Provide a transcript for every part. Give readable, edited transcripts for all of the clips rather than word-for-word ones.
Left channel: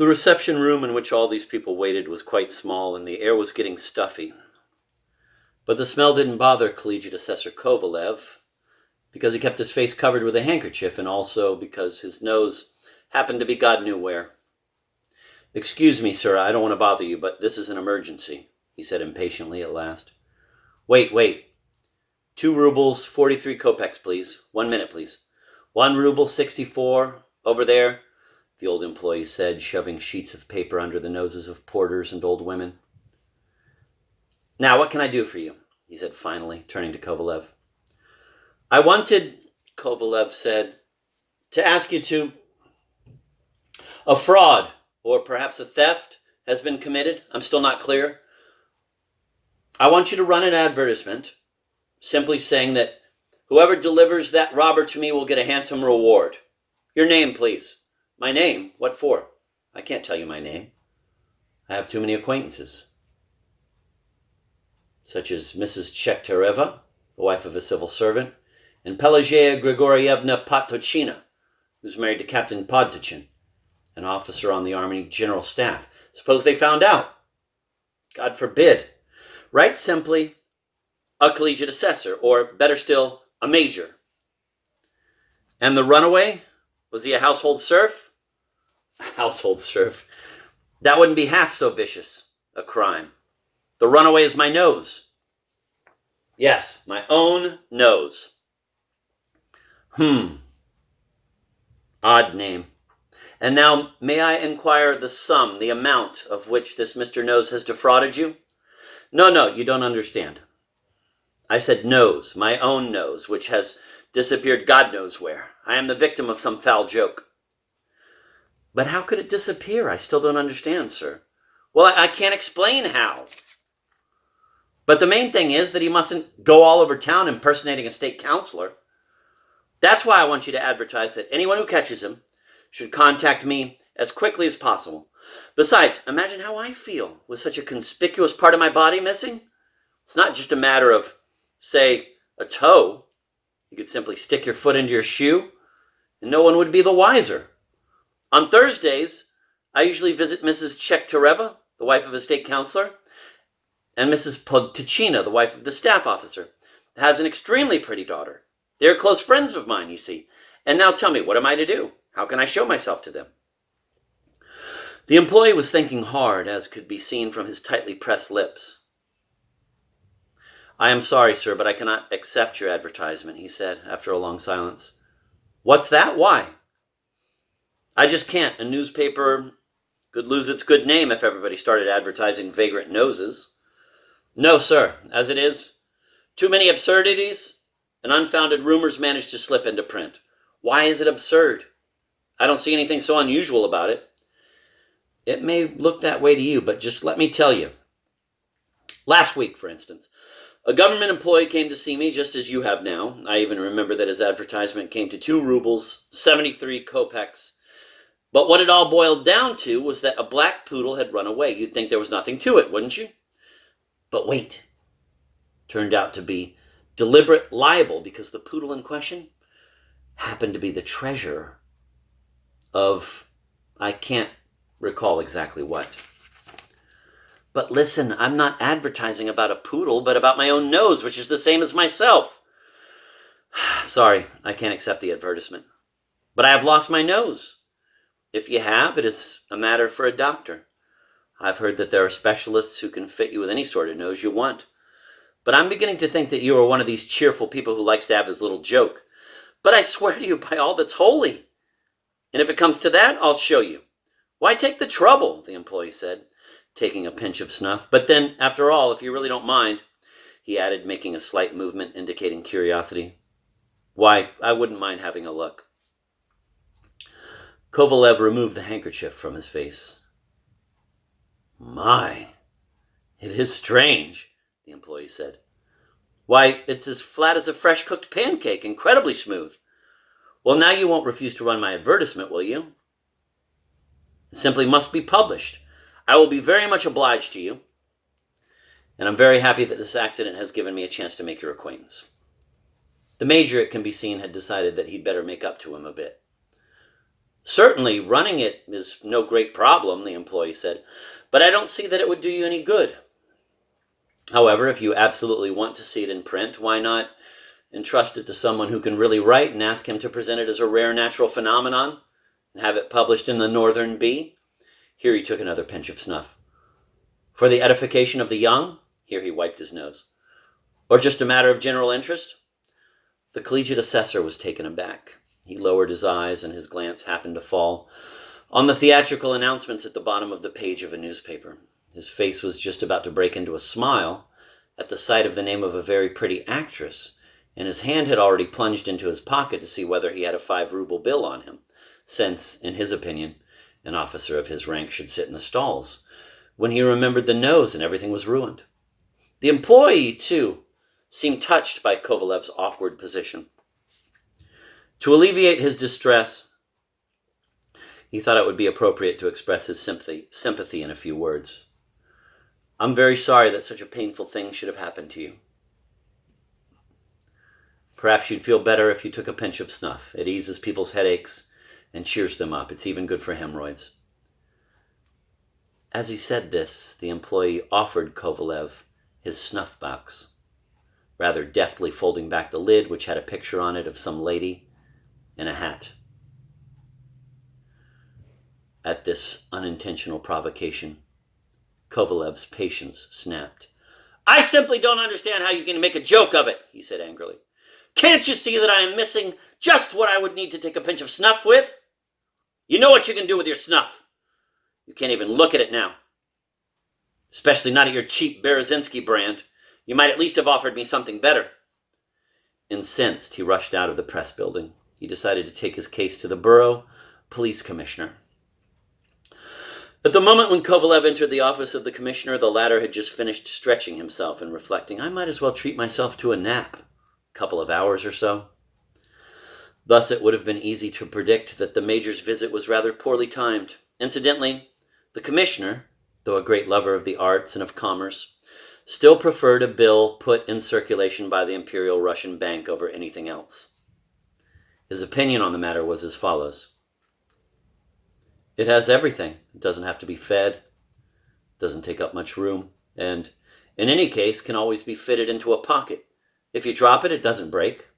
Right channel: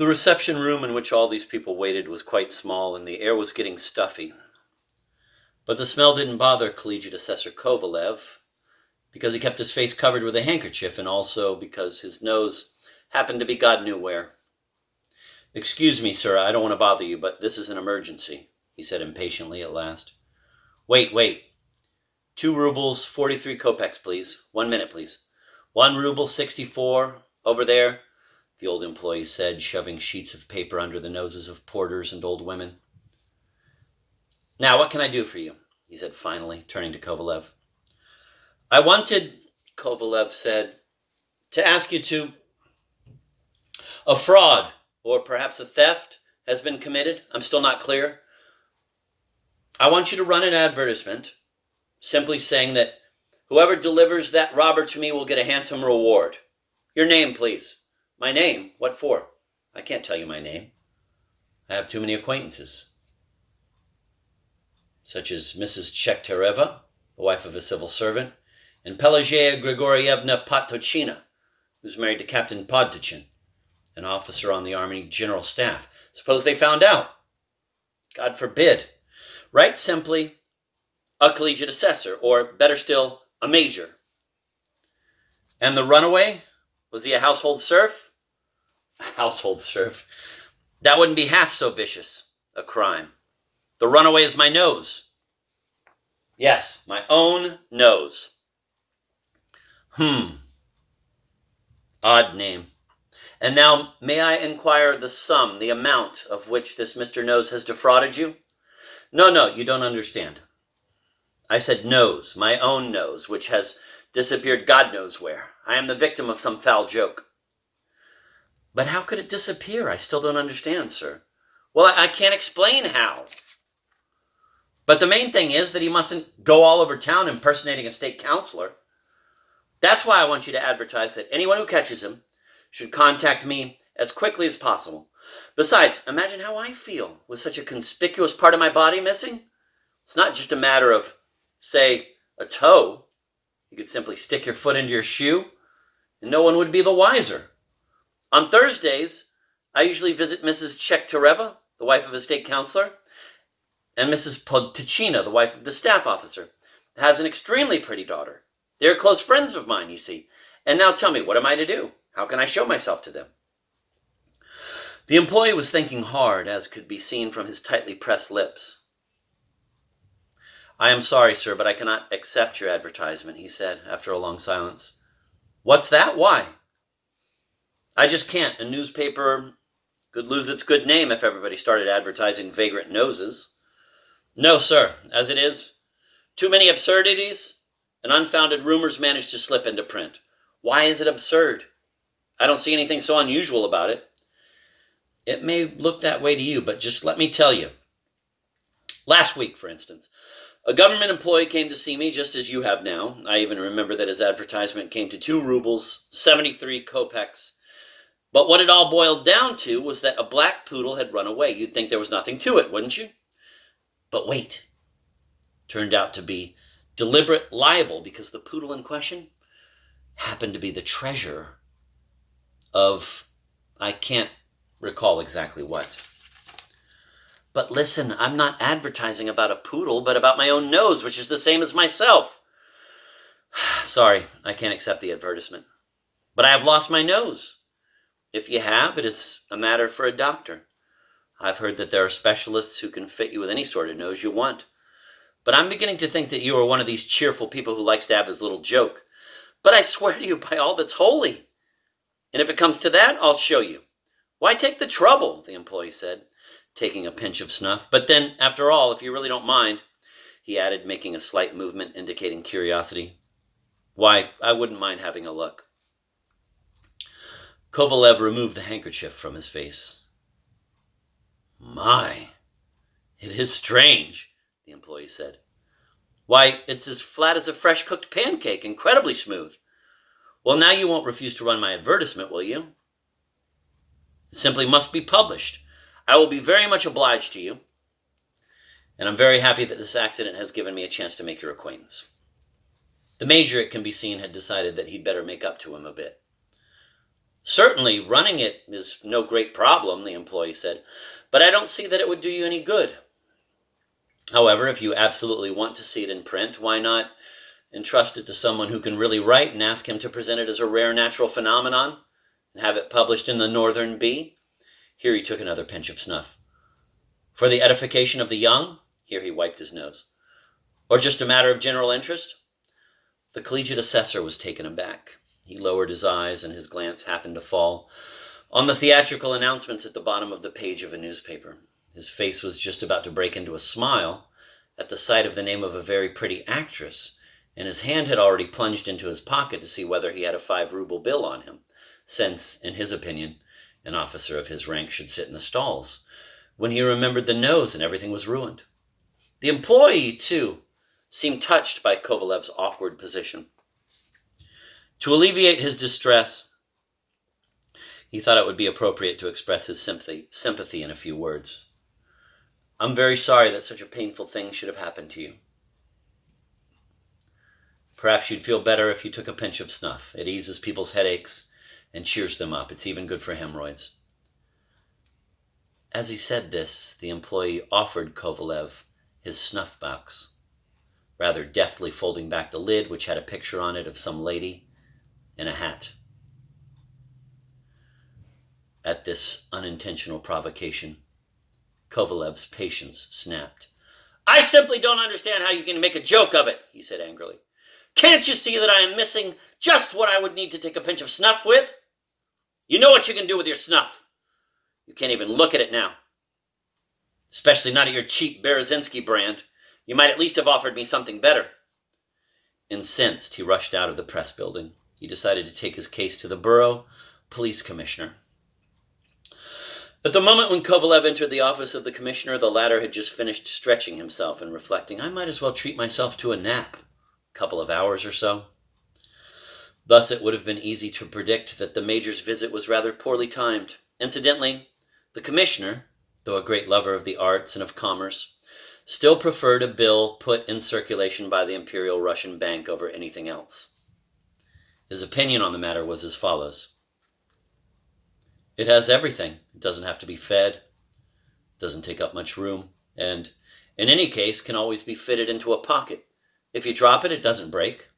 The reception room in which all these people waited was quite small, and the air was getting stuffy. But the smell didn't bother Collegiate Assessor Kovalev, because he kept his face covered with a handkerchief, and also because his nose happened to be God knew where. "Excuse me, sir, I don't want to bother you, but this is an emergency," he said impatiently at last. Wait. 2 rubles, 43 kopecks, please. 1 minute, please. 1 ruble, 64, over there," the old employee said, shoving sheets of paper under the noses of porters and old women. "Now, what can I do for you?" he said finally, turning to Kovalev. "I wanted," Kovalev said, "to ask you to... A fraud, or perhaps a theft, has been committed. I'm still not clear. I want you to run an advertisement, simply saying that whoever delivers that robber to me will get a handsome reward. Your name, please." "My name? What for?" "I can't tell you my name. I have too many acquaintances." "Such as Mrs. Chektereva, the wife of a civil servant, and Pelageya Grigorievna Pottochina, who's married to Captain Podtochin, an officer on the Army General Staff. Suppose they found out?" "God forbid. Write simply, a collegiate assessor, or better still, a major." "And the runaway? Was he a household serf?" "A household serf? That wouldn't be half so vicious a crime. The runaway is my nose." "Yes, my own nose." Odd name. And now, may I inquire the sum, the amount of which this Mr. Nose has defrauded you?" No, you don't understand. I said nose, my own nose, which has disappeared God knows where. I am the victim of some foul joke." "But how could it disappear? I still don't understand, sir." "Well, I can't explain how. But the main thing is that he mustn't go all over town impersonating a state councilor. That's why I want you to advertise that anyone who catches him should contact me as quickly as possible. Besides, imagine how I feel with such a conspicuous part of my body missing. It's not just a matter of, say, a toe. You could simply stick your foot into your shoe, and no one would be the wiser. On Thursdays, I usually visit Mrs. Chektereva, the wife of a state councilor, and Mrs. Podtochina, the wife of the staff officer, has an extremely pretty daughter. They are close friends of mine, you see. And now tell me, what am I to do? How can I show myself to them?" The employee was thinking hard, as could be seen from his tightly pressed lips. "I am sorry, sir, but I cannot accept your advertisement," he said, after a long silence. "What's that? Why?" "I just can't. A newspaper could lose its good name if everybody started advertising vagrant noses." "No, sir. As it is, too many absurdities and unfounded rumors manage to slip into print. Why is it absurd? I don't see anything so unusual about it." "It may look that way to you, but just let me tell you. Last week, for instance, a government employee came to see me just as you have now. I even remember that his advertisement came to 2 rubles, 73 kopecks. But what it all boiled down to was that a black poodle had run away. You'd think there was nothing to it, wouldn't you? But wait. Turned out to be deliberate libel, because the poodle in question happened to be the treasurer of... I can't recall exactly what. But listen, I'm not advertising about a poodle, but about my own nose, which is the same as myself." "Sorry, I can't accept the advertisement." "But I have lost my nose." "If you have, it is a matter for a doctor. I've heard that there are specialists who can fit you with any sort of nose you want. But I'm beginning to think that you are one of these cheerful people who likes to have his little joke. But I swear to you by all that's holy. And if it comes to that, I'll show you." "Why take the trouble?" the employee said, taking a pinch of snuff. "But then, after all, if you really don't mind," he added, making a slight movement indicating curiosity, "why, I wouldn't mind having a look." Kovalev removed the handkerchief from his face. "My, it is strange," the employee said. "Why, it's as flat as a fresh-cooked pancake, incredibly smooth. Well, now you won't refuse to run my advertisement, will you?" "It simply must be published. I will be very much obliged to you. And I'm very happy that this accident has given me a chance to make your acquaintance." The major, it can be seen, had decided that he'd better make up to him a bit. Certainly, running it is no great problem, the employee said, but I don't see that it would do you any good. However, if you absolutely want to see it in print, why not entrust it to someone who can really write and ask him to present it as a rare natural phenomenon and have it published in the Northern Bee? Here he took another pinch of snuff. For the edification of the young? Here he wiped his nose. Or just a matter of general interest? The collegiate assessor was taken aback. He lowered his eyes, and his glance happened to fall on the theatrical announcements at the bottom of the page of a newspaper. His face was just about to break into a smile at the sight of the name of a very pretty actress, and his hand had already plunged into his pocket to see whether he had a 5-ruble bill on him, since, in his opinion, an officer of his rank should sit in the stalls, when he remembered the nose and everything was ruined. The employee, too, seemed touched by Kovalev's awkward position. To alleviate his distress, he thought it would be appropriate to express his sympathy in a few words. I'm very sorry that such a painful thing should have happened to you. Perhaps you'd feel better if you took a pinch of snuff. It eases people's headaches and cheers them up. It's even good for hemorrhoids. As he said this, the employee offered Kovalev his snuff box, rather deftly folding back the lid, which had a picture on it of some lady in a hat. At this unintentional provocation, Kovalev's patience snapped. I simply don't understand how you can make a joke of it, he said angrily. Can't you see that I am missing just what I would need to take a pinch of snuff with? You know what you can do with your snuff. You can't even look at it now. Especially not at your cheap Berezensky brand. You might at least have offered me something better. Incensed, he rushed out of the press building. He decided to take his case to the borough police commissioner. At the moment when Kovalev entered the office of the commissioner, the latter had just finished stretching himself and reflecting, I might as well treat myself to a nap, a couple of hours or so. Thus it would have been easy to predict that the major's visit was rather poorly timed. Incidentally, the commissioner, though a great lover of the arts and of commerce, still preferred a bill put in circulation by the Imperial Russian Bank over anything else. His opinion on the matter was as follows. It has everything. It doesn't have to be fed, doesn't take up much room, and in any case can always be fitted into a pocket. If you drop it, it doesn't break.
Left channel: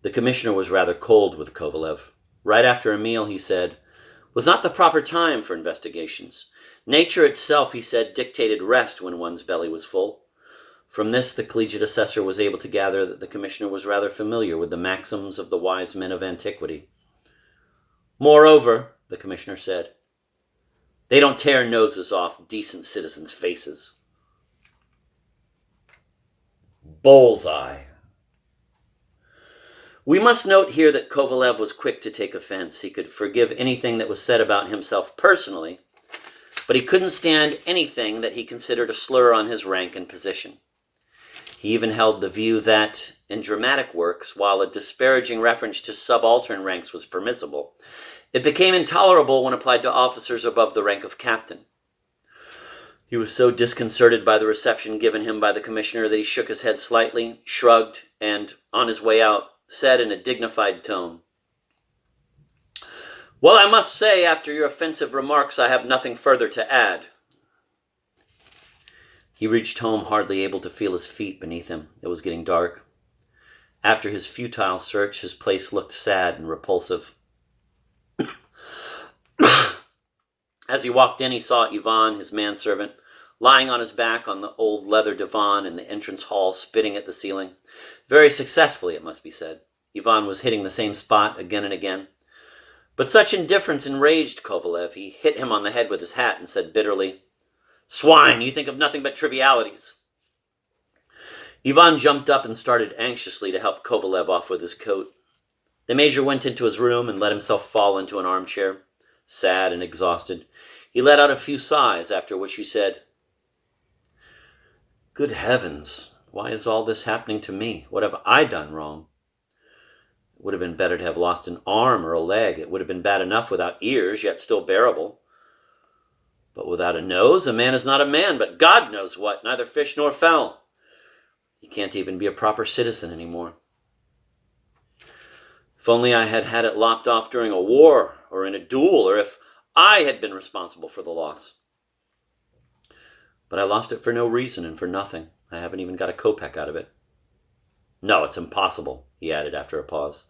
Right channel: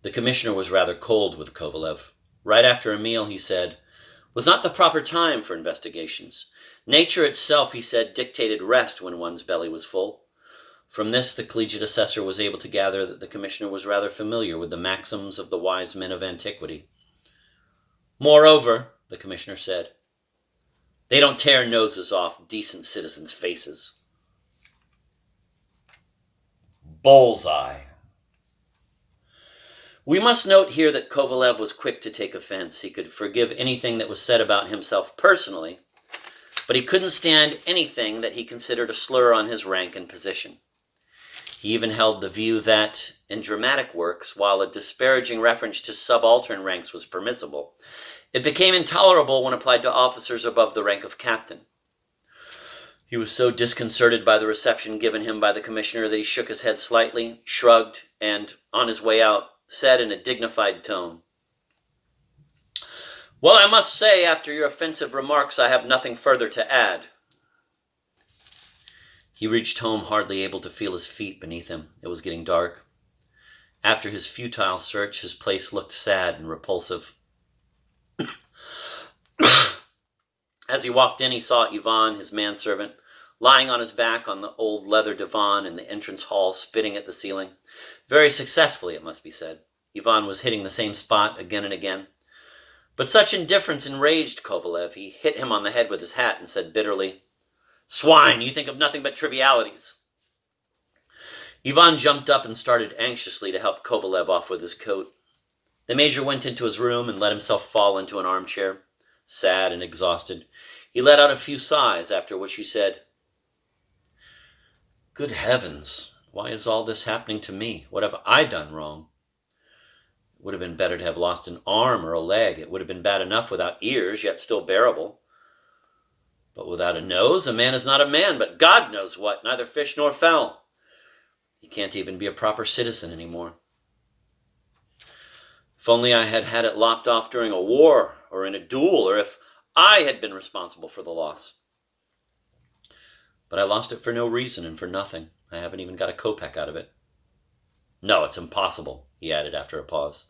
The commissioner was rather cold with Kovalev. Right after a meal, he said, was not the proper time for investigations. Nature itself, he said, dictated rest when one's belly was full. From this, the collegiate assessor was able to gather that the commissioner was rather familiar with the maxims of the wise men of antiquity. Moreover, the commissioner said, they don't tear noses off decent citizens' faces. Bullseye. We must note here that Kovalev was quick to take offense. He could forgive anything that was said about himself personally, but he couldn't stand anything that he considered a slur on his rank and position. He even held the view that, in dramatic works, while a disparaging reference to subaltern ranks was permissible, it became intolerable when applied to officers above the rank of captain. He was so disconcerted by the reception given him by the commissioner that he shook his head slightly, shrugged, and, on his way out, said in a dignified tone, Well, I must say, after your offensive remarks, I have nothing further to add. He reached home hardly able to feel his feet beneath him. It was getting dark. After his futile search, his place looked sad and repulsive. As he walked in, he saw Ivan, his manservant, lying on his back on the old leather divan in the entrance hall, spitting at the ceiling. Very successfully, it must be said. Ivan was hitting the same spot again and again. But such indifference enraged Kovalev. He hit him on the head with his hat and said bitterly, Swine, you think of nothing but trivialities. Ivan jumped up and started anxiously to help Kovalev off with his coat. The major went into his room and let himself fall into an armchair, sad and exhausted. He let out a few sighs, after which he said, Good heavens, why is all this happening to me? What have I done wrong? It would have been better to have lost an arm or a leg. It would have been bad enough without ears, yet still bearable. But without a nose, a man is not a man, but God knows what, neither fish nor fowl. He can't even be a proper citizen anymore. If only I had had it lopped off during a war or in a duel, or if I had been responsible for the loss. But I lost it for no reason and for nothing. I haven't even got a kopeck out of it. No, it's impossible, he added after a pause.